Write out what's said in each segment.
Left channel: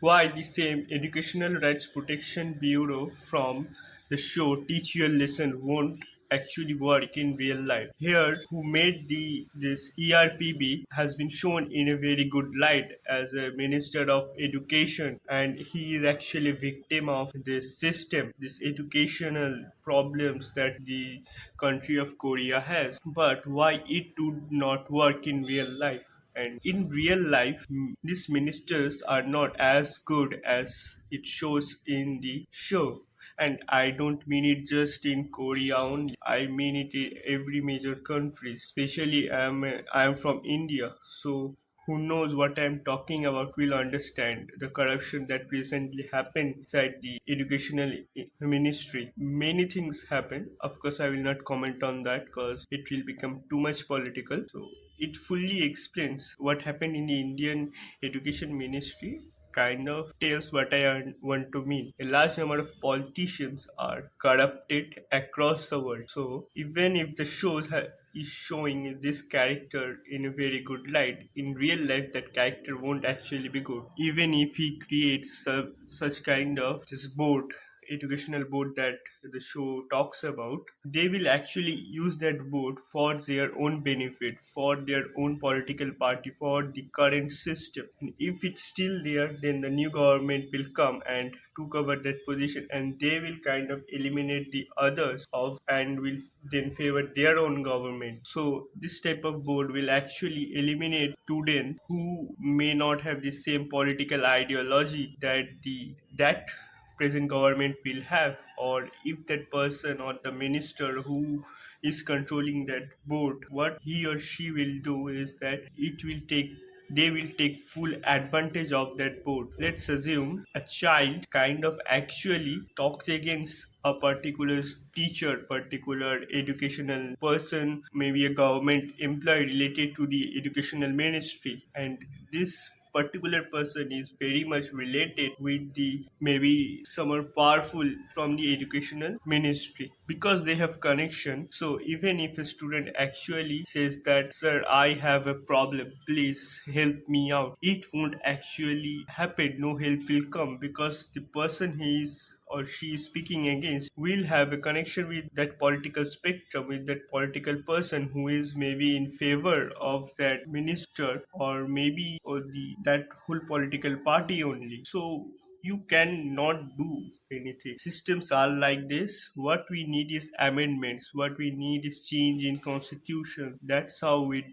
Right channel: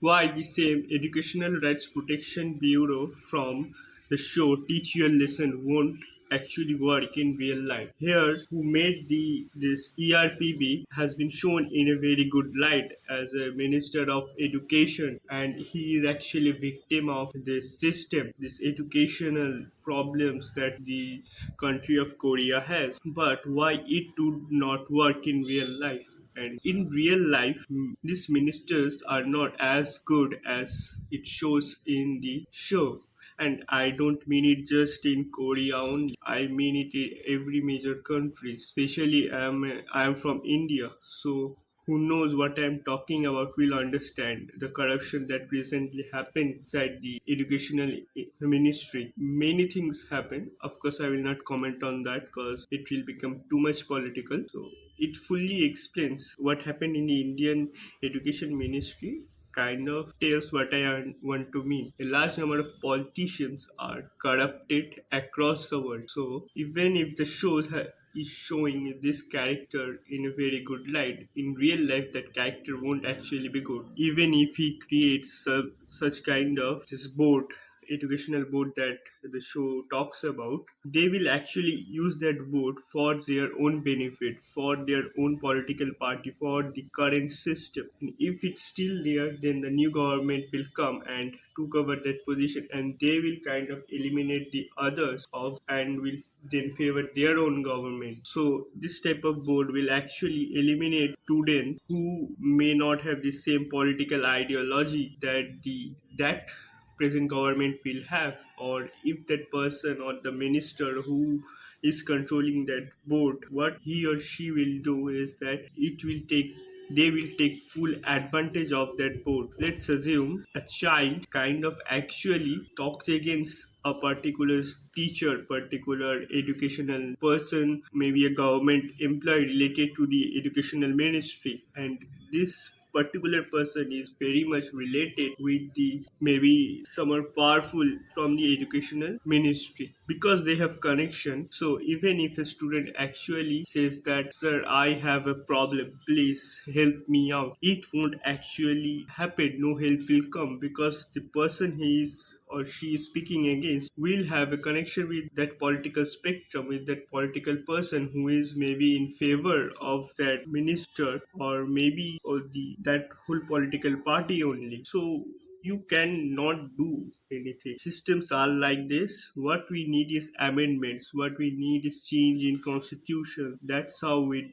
Why the same Educational Rights Protection Bureau from the show Teach Your Lesson won't actually work in real life. Here, who made this ERPB has been shown in a very good light as a Minister of Education, and he is actually a victim of this system, this educational problems that the country of Korea has. But why it would not work in real life? And in real life, these ministers are not as good as it shows in the show. And I don't mean it just in Korea only. I mean it in every major country. Especially I am from India, so who knows what I'm talking about will understand the corruption that recently happened inside the educational ministry. Many things happen. Of course, I will not comment on that because it will become too much political. So it fully explains what happened in the Indian education ministry, kind of tells what I want to mean. A large number of politicians are corrupted across the world. So even if the is showing this character in a very good light, in real life that character won't actually be good. Even if he creates such kind of this board, educational board that the show talks about, they will actually use that board for their own benefit, for their own political party, for the current system. And if it's still there, then the new government will come and took over that position, and they will kind of eliminate the others of and will then favor their own government. So this type of board will actually eliminate students who may not have the same political ideology that present government will have, or if that person or the minister who is controlling that board, what he or she will do is that they will take full advantage of that board. Let's assume a child kind of actually talks against a particular teacher, particular educational person, maybe a government employee related to the educational ministry, and this particular person is very much related with the maybe someone powerful from the educational ministry because they have connection. So even if a student actually says that, sir, I have a problem, please help me out, it won't actually happen. No help will come because the person he is or she is speaking against will have a connection with that political spectrum, with that political person who is maybe in favor of that minister, or maybe or the that whole political party only. So you cannot do anything. Systems are like this. What we need is amendments. What we need is change in constitution. That's how we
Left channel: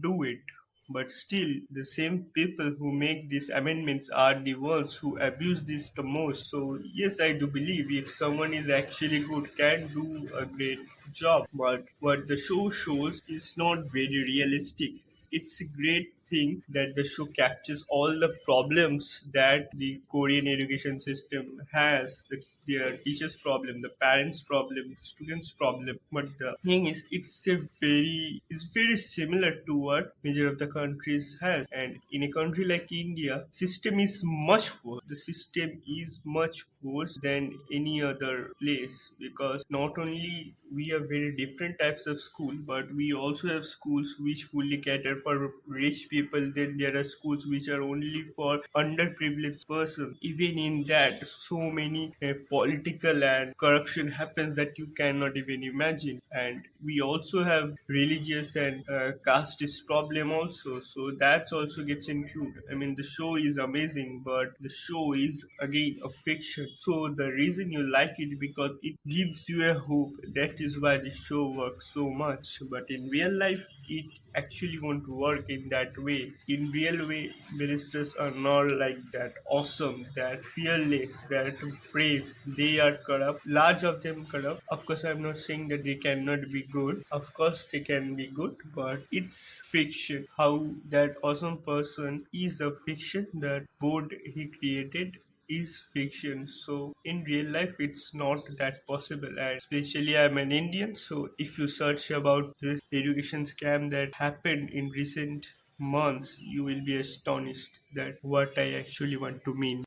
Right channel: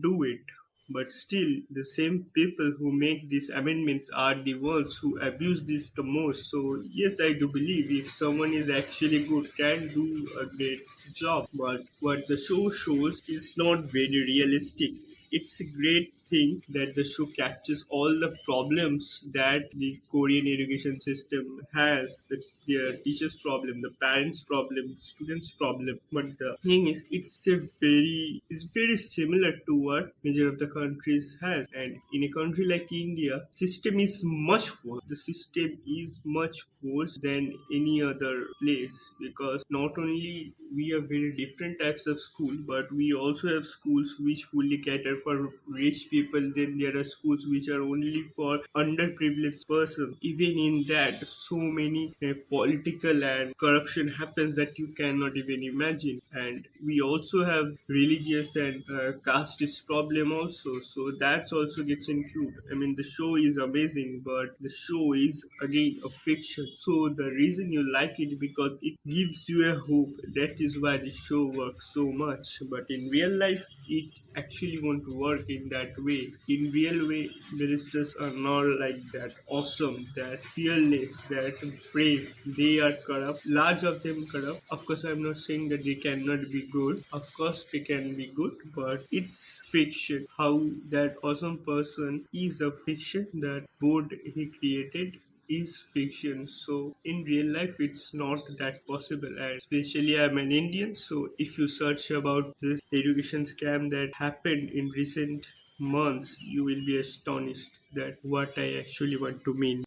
do it. But still, the same people who make these amendments are the ones who abuse this the most. So yes, I do believe if someone is actually good, can do a great job. But what the show shows is not very realistic. It's a great thing that the show captures all the problems that the Korean education system has. The teachers' problem, the parents' problem, the students' problem. But the thing is, it's very similar to what major of the countries has. And in a country like India, system is much worse. The system is much worse than any other place because not only we have very different types of school, but we also have schools which fully cater for rich people. Then there are schools which are only for underprivileged person. Even in that, so many political and corruption happens that you cannot even imagine. And we also have religious and casteist problem also, so that also gets included. I mean, the show is amazing, but the show is again a fiction. So the reason you like it because it gives you a hope. That is why the show works so much. But in real life, it actually won't work in that way. In real way, ministers are not like that awesome, that fearless, that brave. They are corrupt. Large of them corrupt. Of course, I'm not saying that they cannot be good. Of course, they can be good, but it's fiction. How that awesome person is a fiction. That board he created is fiction. So in real life it's not that possible, and especially I'm an Indian, so if you search about this education scam that happened in recent months, you will be astonished that what I actually want to mean.